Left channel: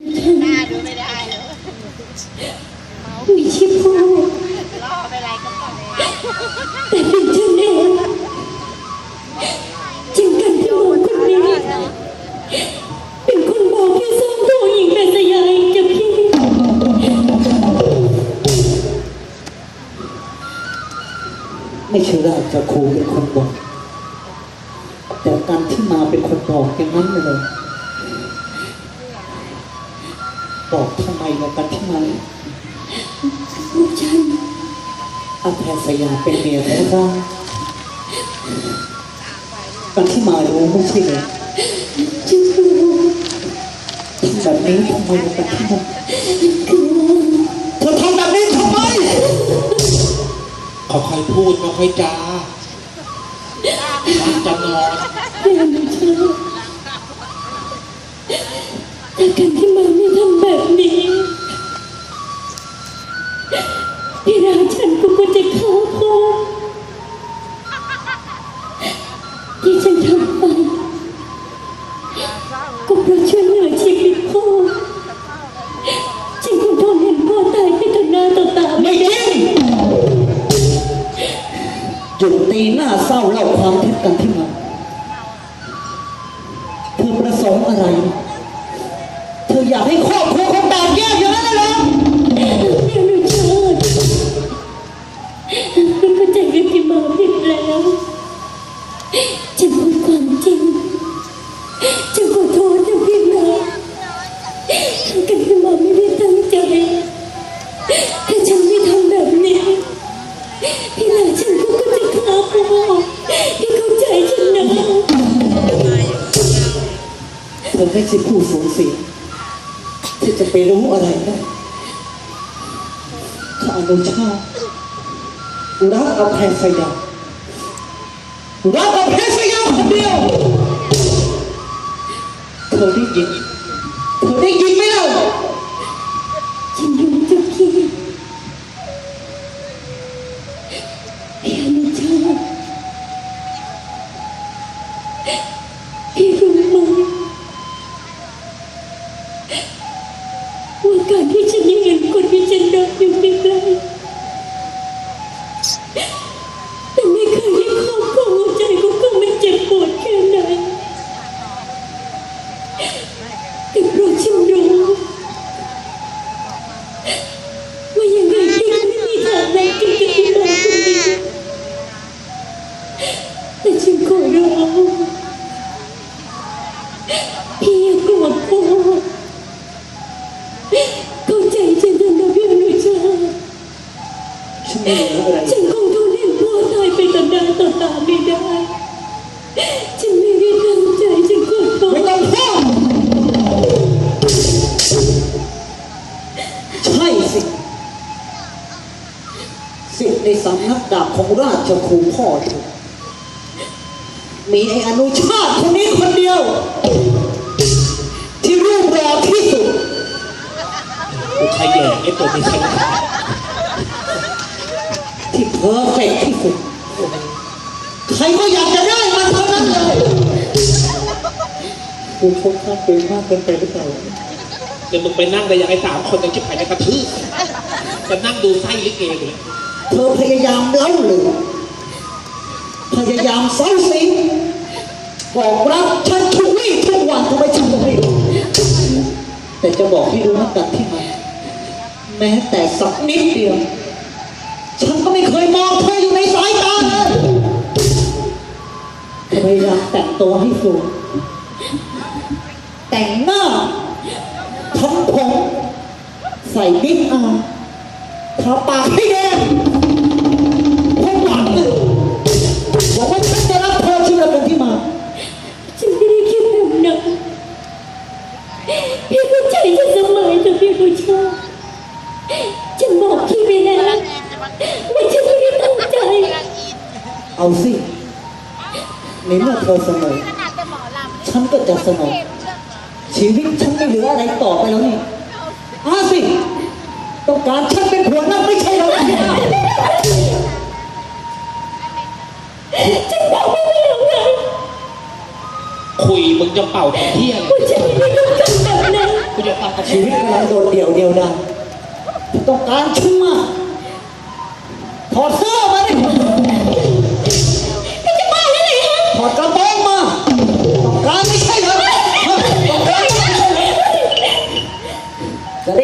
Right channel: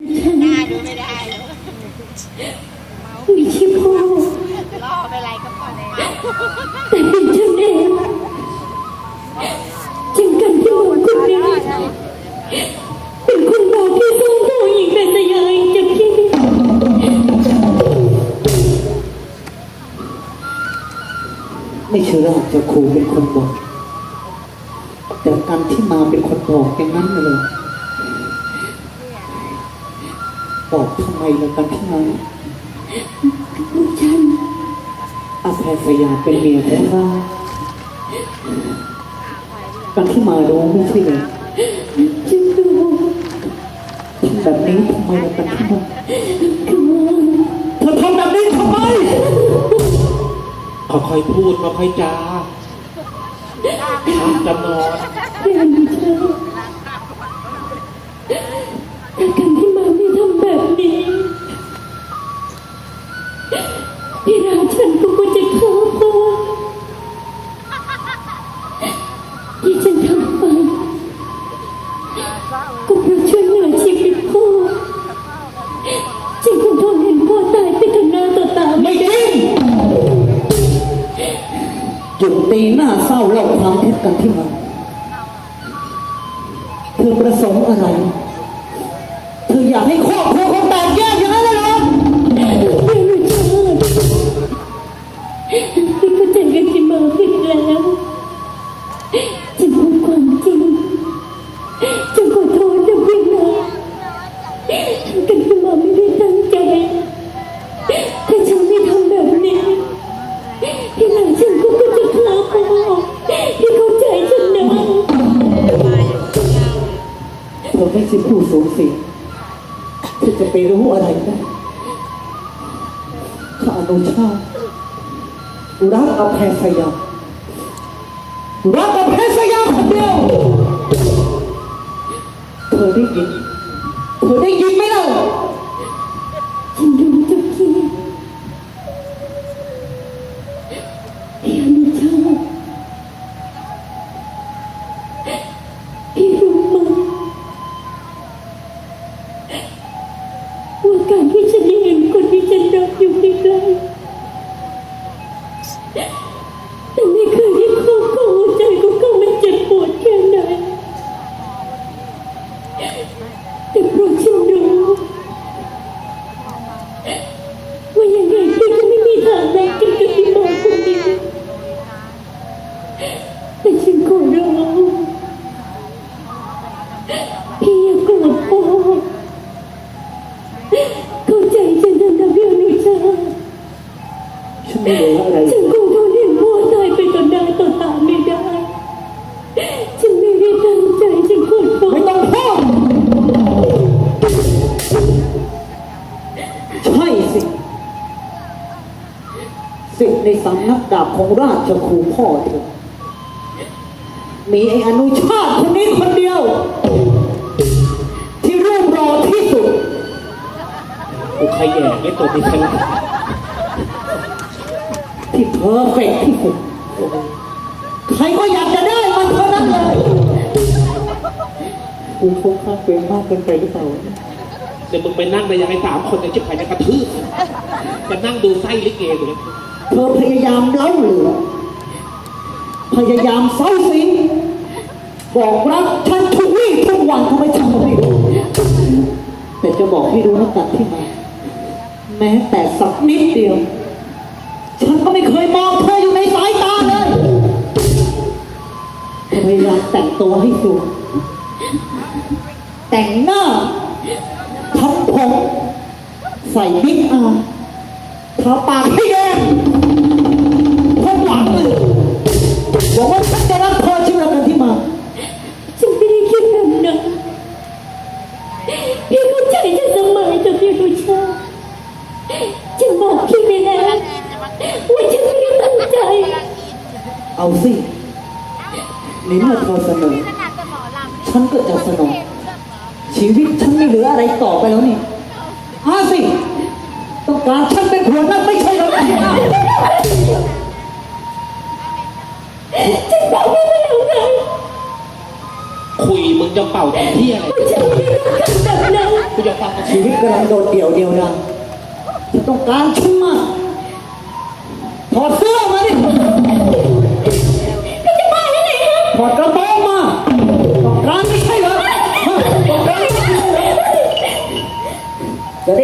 หน้าดูไม่ได้เลยไม่ใช่พ่อล่อไปอะไรก็ก่อเลยแต่เป็นฉันเองจริงกันที่หมอคนนี้เป็นคนบอกที่ส่องตัวหญิงเป็นสยายจะพี่ไม่เชื่อว่าจ้าครูเป็นคนบอกแต่การที่มาเป็นคนบอกอย่างนั้นเลย บอกทำไมล่ะกันที่มาลูกฉันอาแพทยาเป็นเมียของเราการที่มารู้ไม่ใช่เลยฉันรู้ทำแบบนี้ทำไมล่ะกันที่มาคือเธอทำแบบนี้ทำไมค่อยๆพูดค่อยๆจาจำนอนเรียนรู้เชื่อ ฉันก็ควรจะฆ่าพ่อที่ฉันทำไปก็เพราะช่วยเหลือชีวิตพ่อฉันคงทนเห็นพ่อตายไปต่อหน้าต่อตาไม่ไม่จริงหยุดตีหน้าเศร้าเล่าความเท็จกันที่มาเธอประส ถ้าฉันไม่ทำแบบนี้พี่หลานฉันก็จะฆ่าพ่อพี่เข้าใจฉันนะเธอไม่ใช่ผู้สูญเสียที่จะไปรู้อะไรได้ข้าอนุชาติรักอภัยสยามรัก แต่ฉันขอร้องพี่อย่ากลัวพ่อเข้าใจฉันเถอะนะพี่อนุชาฉันไม่รู้อะไรฉันคงทนเห็นพ่อตายไปต่อหน้าต่อตาไม่ได้ ฉันไม่ได้ตั้งใจฉันขอโทษไม่ต้องพูดใช่สิสิ่งในสำนักดาบของราชครูพ่อเธอ มีไอ้อนุชาติคนนี้คนเดียว ที่รูปรอที่สุดกูขยแยงนี่ตัวนี้ใช่ไหมที่เพอร์เฟกต์ที่สุด ใครก็อยากจะได้มันเท่านั้นเลยคุณชกข้าเกินมากเกินไปหรือเปล่าเดี๋ยวมึงไปนั่งแต่ยังไงสามคนในชิบหายจะกระทืบจะนั่งดูไส้ลิเกอยู่เลยเธอพยายามเล้าเหลือ พยายามเซ้าสิงบอกรักฉันทุกวี่ทุกวันทำไมฉันก็ไม่รู้แต่จะบอกให้รู้นะกันที่มาแม้แต่สักนิดเดียว ฉันก็ไม่เคยมองเธออยู่ในสายตาเลยพยายามแต่งตัวให้สวยแต่งหน้าทำผมใส่บิ๊กอาร์ทาปากให้ ฉันก็จะสงบชีวิตฉันไม่เหลืออะไรต่อไปแล้วนี่อาสิ ต้องการฉันเป็นหัวหน้าไม่ใช่เหรอฉันทำไม่ได้หรอนคุยมึงจะเป่าแต่ที่อะกูจะเป่าชีวิตกำลังโดดเดี่ยวเดียวดายฉันต้องการชั่วถอดเสื้อ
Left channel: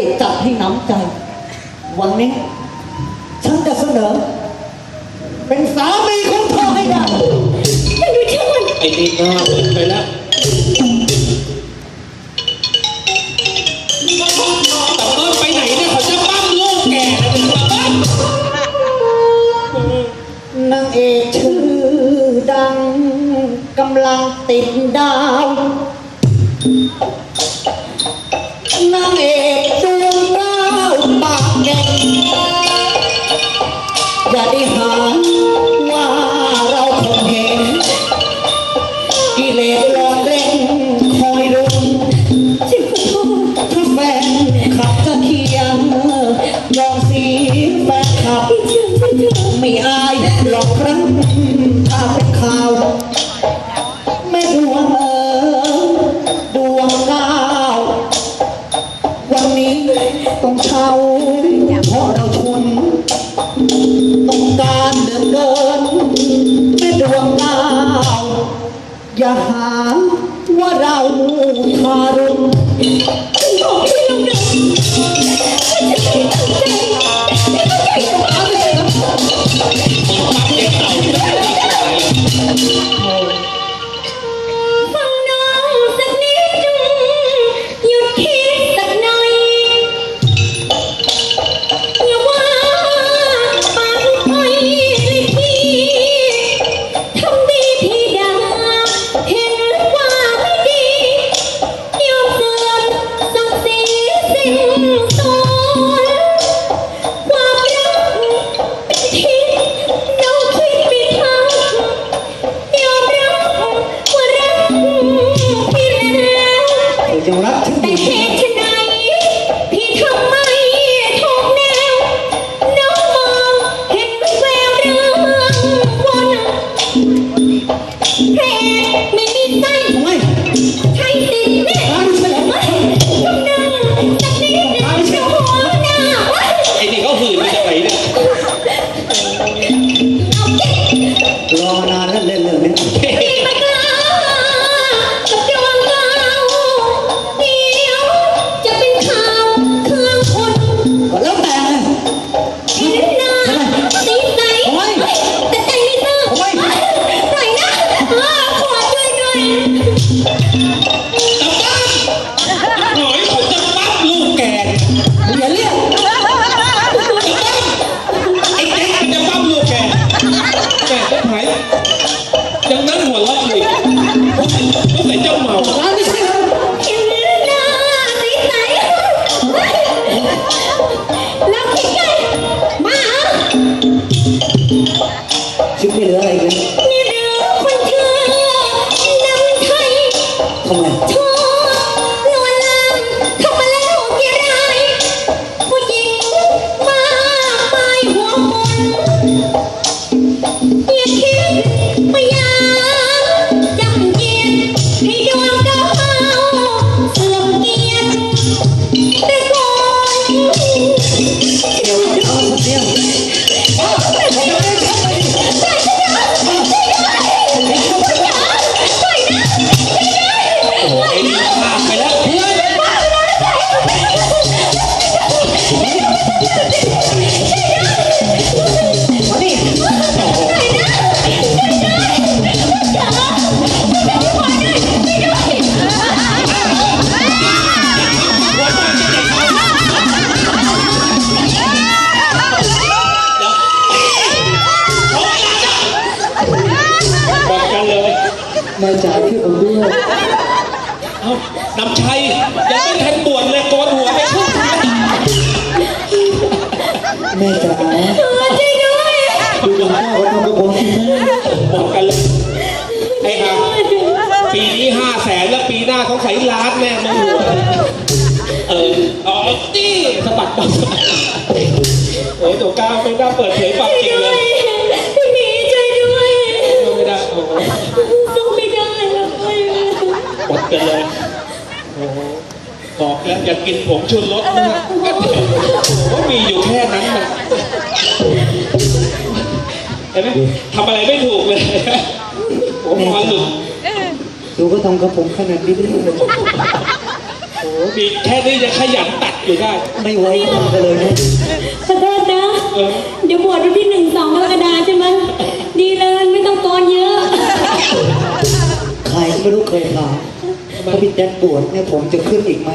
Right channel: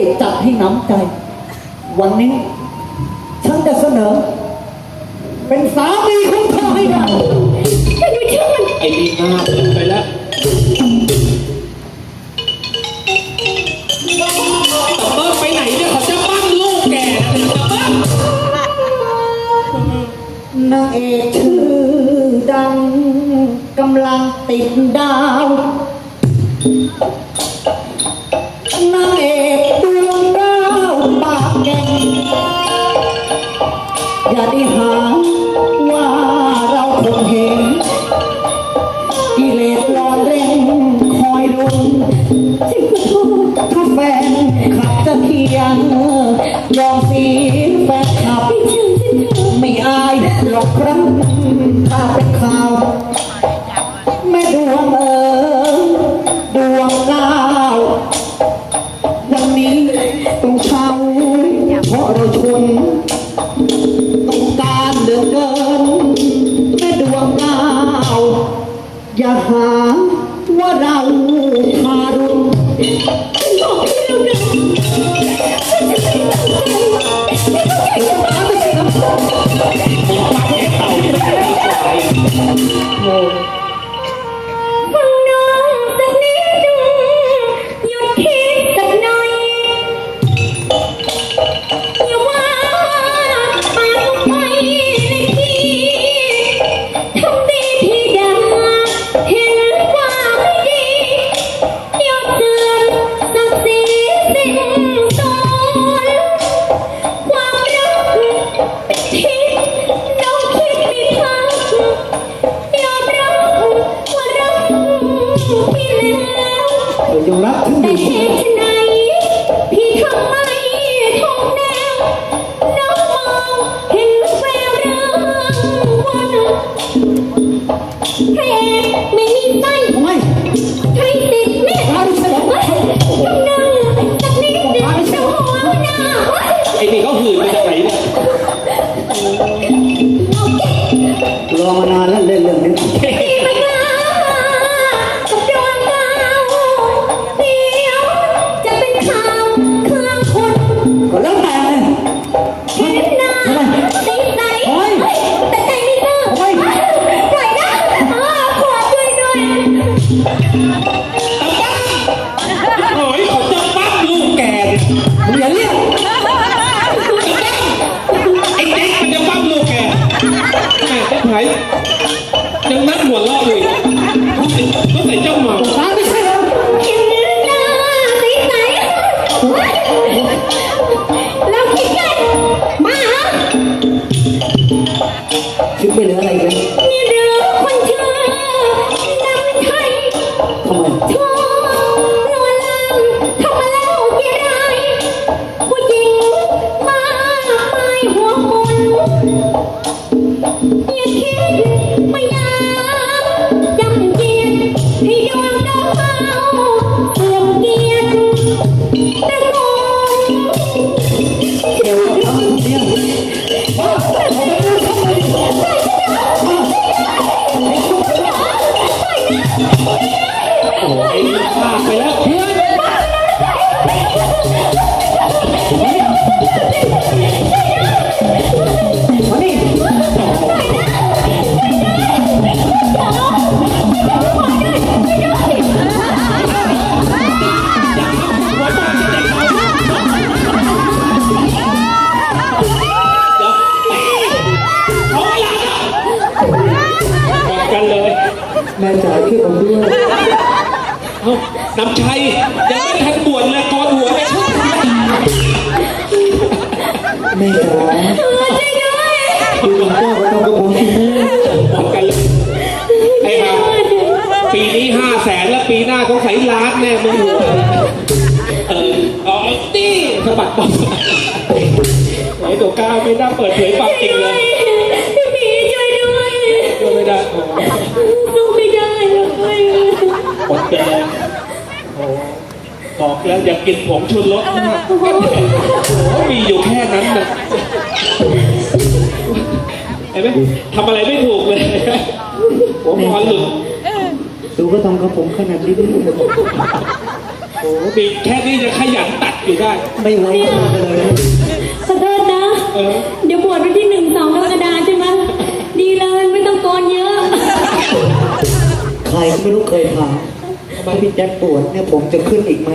ได้จับให้น้ำใจ วันนี้ ฉันจะเสนอ เป็นสามีของเธอให้ได้ ไอ้ดีนะ Hallelujah. ওরা แม่จ่ายที่ผมด้วยเน้ำชัยยังไม่ทันปวดเลยกอดหัวไปชุบแม่จ๋า ย่ากินผงชูรสมากโอ้มีอยู่แค่นั้นนะเห็นไหมทำอะไรไม่ถูกเลยโอ้มันหลุดดูก็ทำกับผมขนาดนี้โอ้มีแค่นี้ยังขยันตัดอยู่ได้ ไม่ไว้ใจกันเลยนะขอโทษนะ เออ เดี๋ยวบวชวันที่หนึ่งสองกรกฎาใช่ไหมดีเลยไม่ต้องโกนเยอะ ใครก็ไม่รู้เคยถาม ถ้าพี่แจ๊ดปวดเนี่ยผมจะขึ้นอีกไหม